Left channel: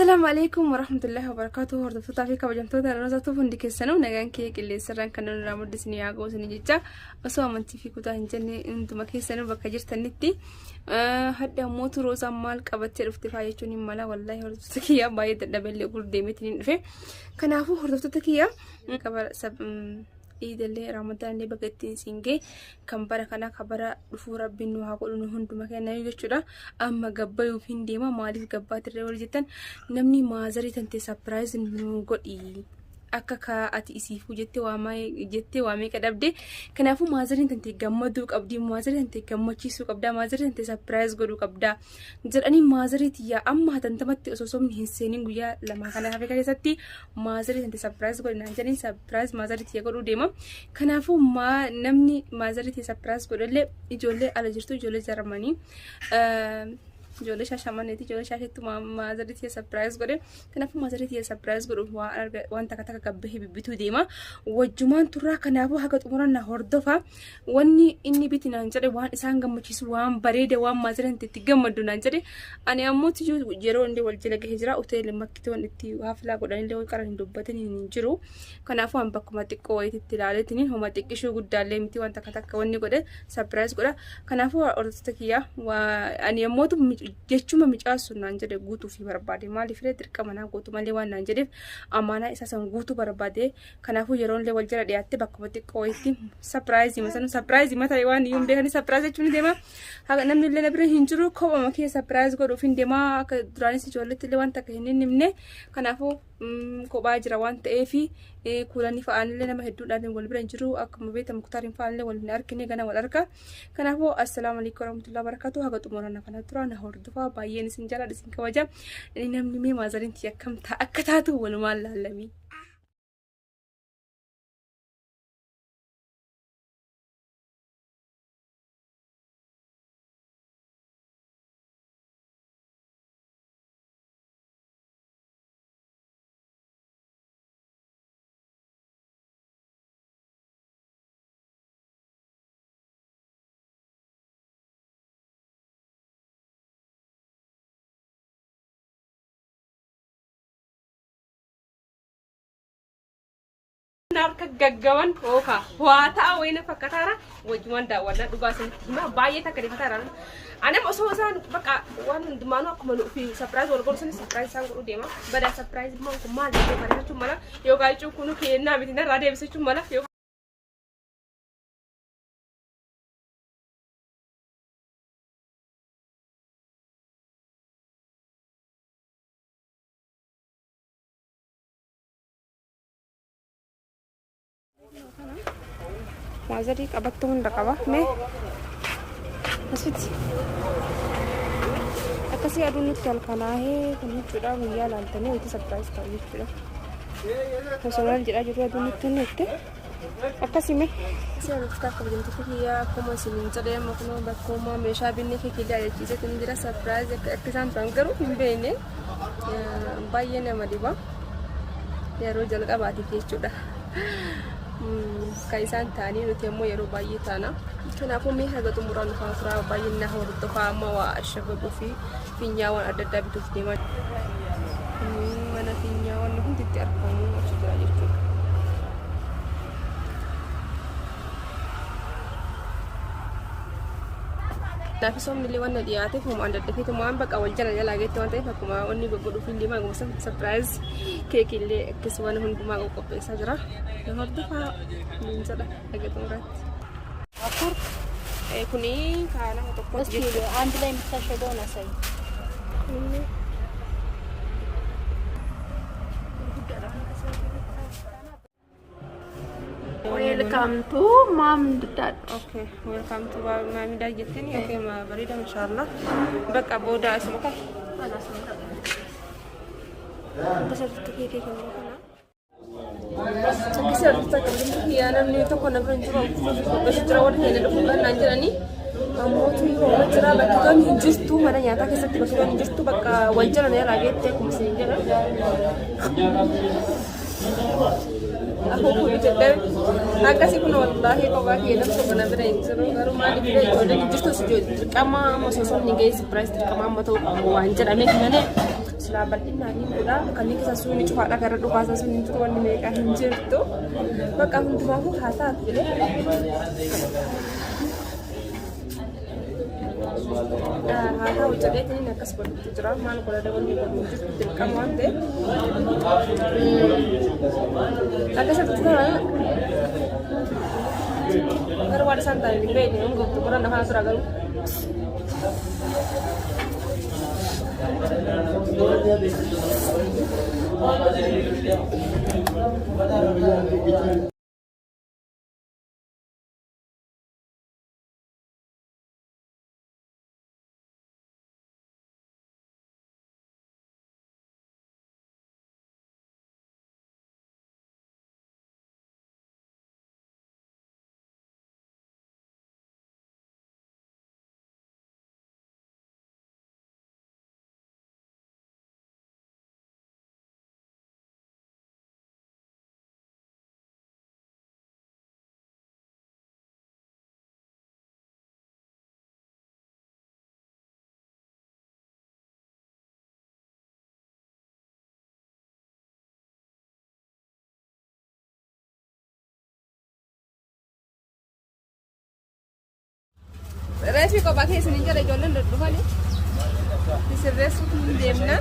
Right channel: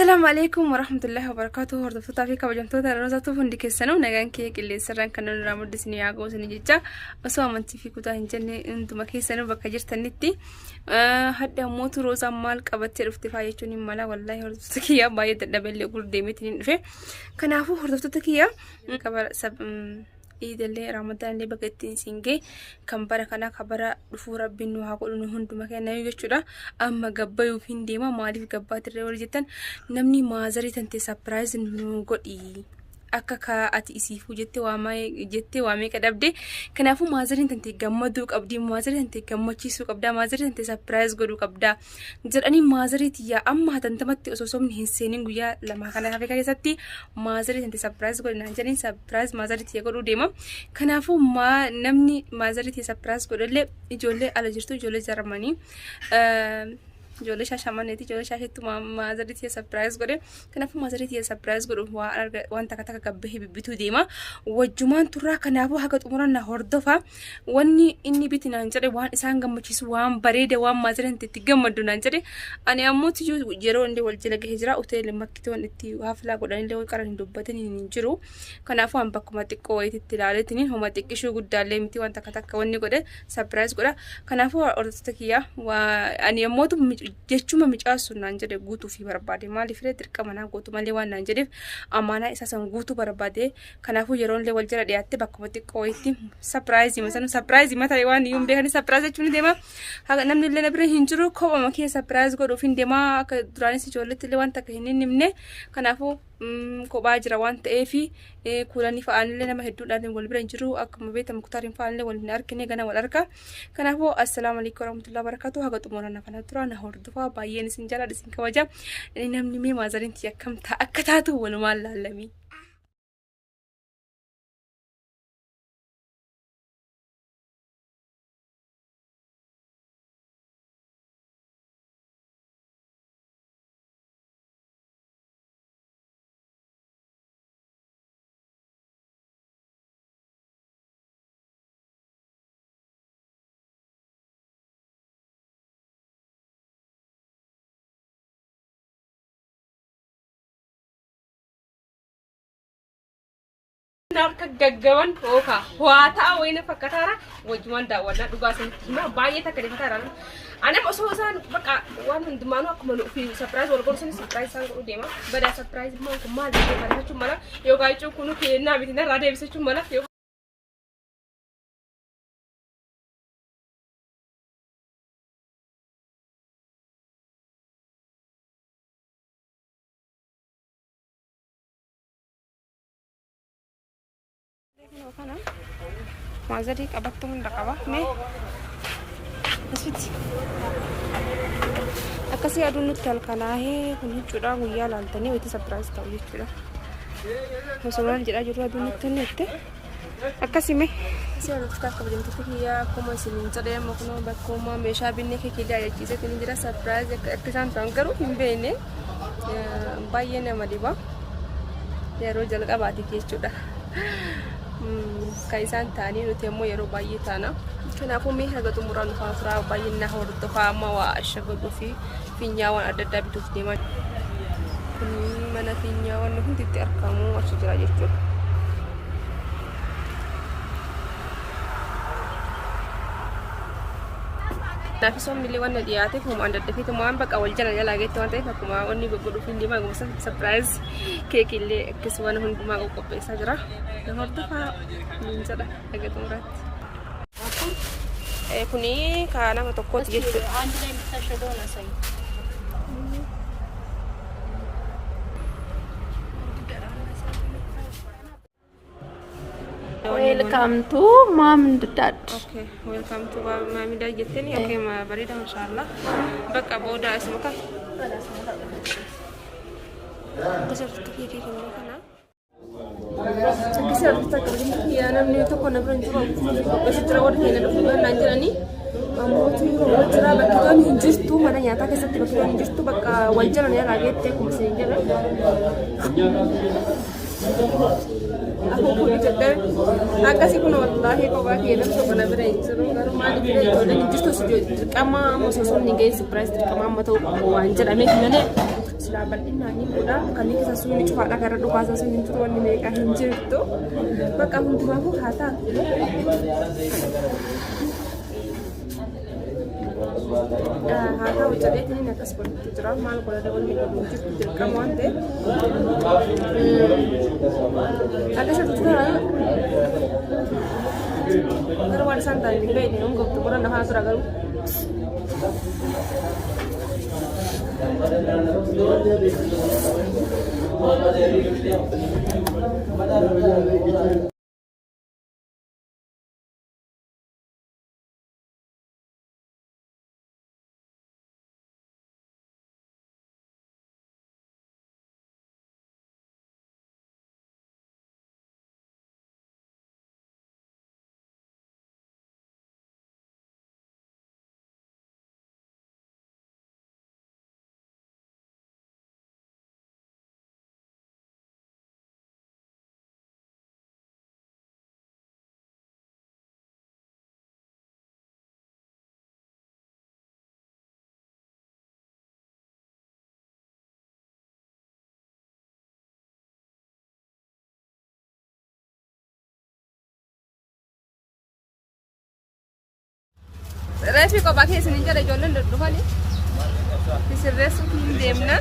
السلام عليكم ورحمة الله وبركاته. هردفتها في كوجمتوتا رزاتو فندك السنة ونجان كيك اللي سرّان كانوا نرامد سني عقو سني جتة أسوا منتي في كوتا هنجني أنتم كي سنة بكجر تنتي حتى موت روزا مال كبتة رفتفا يجوني مالا والله هردفتك يا بايد الدبل يقول ديمتني في كنافو هردفتك يا كبر سب إيد اللي رمضان اللي بقتين سينجي كم برا كنا كبرا دفورا بينو هقول إنه هندو مكان نيجي شورا أما قبّا يوفين ديما مالي قبّا ترى جدا نمني مازري تنتي سبرايز إنه قد akka ati isiifuu jettee waamee kadhabde kanaafuu maazariin tante gammaduu qabdi maazariin tante gammachiisuu qabda maazariin tante surprise godhuu qabda jedhanii maazariiti yaa amma hatantamatti osoo somni hin seenin guyyaa lama kana hafe keessatti maazariin tante surprise godhina jedhanii surprise maazariiti yaa godhuu deema kanaafuu namni maazariiti surprise godhallee ijoollee ala jirtu ijoollee jarmanii ijoollee shaashamanneeti ijoollee shaasheettu maazariitii surprise godhe kanaafuu maazariitii surprise godhu waan takka gabbahee bibbituu deema wajjumaan turraa kanaafuu haga xumuranna hordofa wanni inni bitinaan jedhe waan isaan gammachiisu waan bareeda waan maazariin itti gammadu naan jedhe ani ammoo yeroo inni wal jala gahee jira hoteelli makkitoon itti haflaa godhanillee qaran hin dubbatanii hin jiru kanaafuu an bakkuma xiqqoo wayiitti ilaaleetiin homa xiqqishuu guddaallee miti waan takka wanni godhe surprise godha kanaafuu hordoftoota kiyyaa ani ammoo jechuma micaasu naan jedhe guutuu fi barbaade maaliif dirqama naa guutuu malee waan naan jedheef amaanaa isaa san guutuu barbaade kanaafuu yeroon illee wal jala dhiyaatte bakkuma xiqqoo wayiitti surprise mata waan iyyuu beekanii surprise jechuun deema haga namni illee na bira hin jiru kophama kee surprise godhuuf hin deema akka duraanis ijoolletti illee waan takka hin himne kanaafuu kophaa jira waan ta'eef kuulanii fa'aanillee nama hedduudhaan wal bira hin jiru akkuma beekamu kutaariin fa'aanillee wal hin argine gana wal arga kanaafuu assalaamu alaykum warahmatullahi wabarakatuh haga xumurana kana tura na hordofaa baay'een isin jala isin kabaja namni mee maazariin yakkamta akka taatu walumaan laallamii Narka gaggawan oka wata wayna fakkataara wajjumaan daawwanna dhugaa sanatti hima baay'ee takka deemataara ani osoo isaan baqa waan hundumaanuu akkuma nuufi surprise wal godhu surprise isaan godhu deema badaa surprise maan kun maal jedhee kana jechuun mala yookaan jechuun kunu kennaa miti narraa deebisachuun mala kana maazari qabattu hunda qaba mee asitti akkasii aduun nutti halkanaahee kun jechuudha guyyaa laaltanii wayitii surprise ta'u jechuudha osoo maal jedhaa jiru aduun nutti honnette akkasii mee asii aduutti akka bajamtitti kiyyaa akkuma isiniin jedhee amma kunoo bakkuma meeshaa binnee keekillee ajachiisetti ni jira surprise akka isaan ta'an garuu hin beekne baay'ee nama dhiba yeroo jalqabaatiif jechuudha kaisan tani nuti ammoo yeroo baay'ee taana kanaafuu mee haga xumuraan faafuraa baay'ina hordofaa amma waa ashagadu fi finyaawwan adda addaa bituuf deeman mana finyaawwan hundi itti argamu achi jira jechuudha Tapi so milih warna dia tu, cuma anda tapi tu maan bakal wajah aja lagi tu anda tapi cuma oni berburu film dia mah gumsa surprise kek ile kesuwan hun cuma aku pesa jera. Dengar tu pak, minta dah lagi tu rat. Kuni kana atau kot gitu. Anjlay bisa shadow lah saya. Welcome to Mom Dad. Okay, welcome to Mom Dad. Jitni okay, ma barida insyaallah. Baka boda asmaka. Wala asmaka. Kasar kiki kini kana. Kisah kita kerja kiana ni tu kena beranjur. Besi terawat ni ada bukan nanjur ni. Kamu tu orang cerah bagi kan hinjus tu mana nyata kisah tiba tiba hinjus tu baka wajar ni lagi tu kumsi je lah. Aku pun jadi agak sih pun wallahi kau bagi nak sopan apa ni sebab kalau mana kita jadi justru sejauh kama masuk ni guys surprise kama mata wajar ame kena silaa bal'inaan hin godha kanneen keessa sun cufaadha gara dhukaasa sun hin tutu wanni meeqa hin jirtu bakka hundumaafuu haa taatu jedhee haa ta'u jedheetiin akkas godhutti jira maal godhata wanni godhu jirtu dirqama waan ta'eef akkasatti ta'an garuu waan isaan ta'an hin beekne hin gobtu godhan afaan tura garuu Reefi kophaa keessa ni jala ijoolleen dudduufanii sirreessuuf hin deemna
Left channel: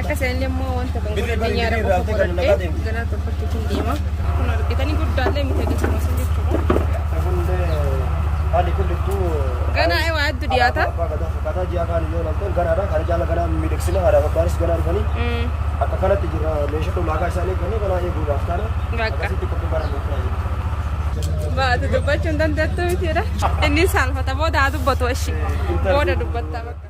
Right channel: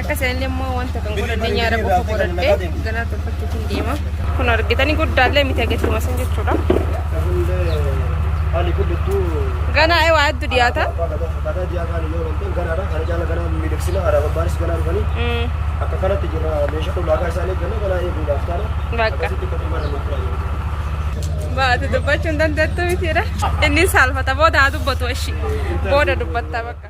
akka isaanillee immoo wanta kan godhadhee nyaara qofa godhadhee ganaa tolfachuuf hin deema kun argitanii guddaallee miti ageessuma san jechuudha ganaa waa hedduu dhiyaata bakka baatu dubbachuun dandeettu mitiidha inni saalfata booda haa dubbatu ishi booda dubbattaa bakka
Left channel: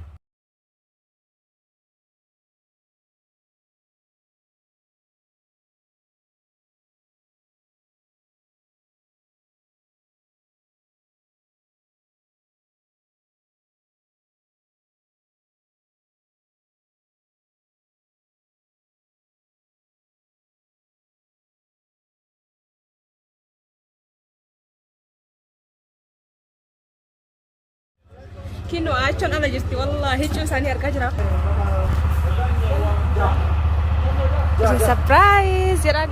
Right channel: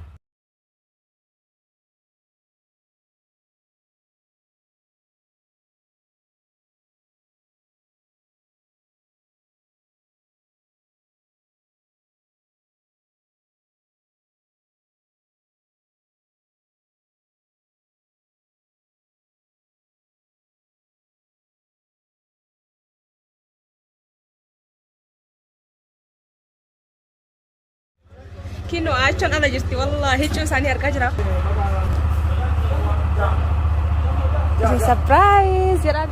kino action ala jirti wallahi cuusanii argaa jira surprise jedhan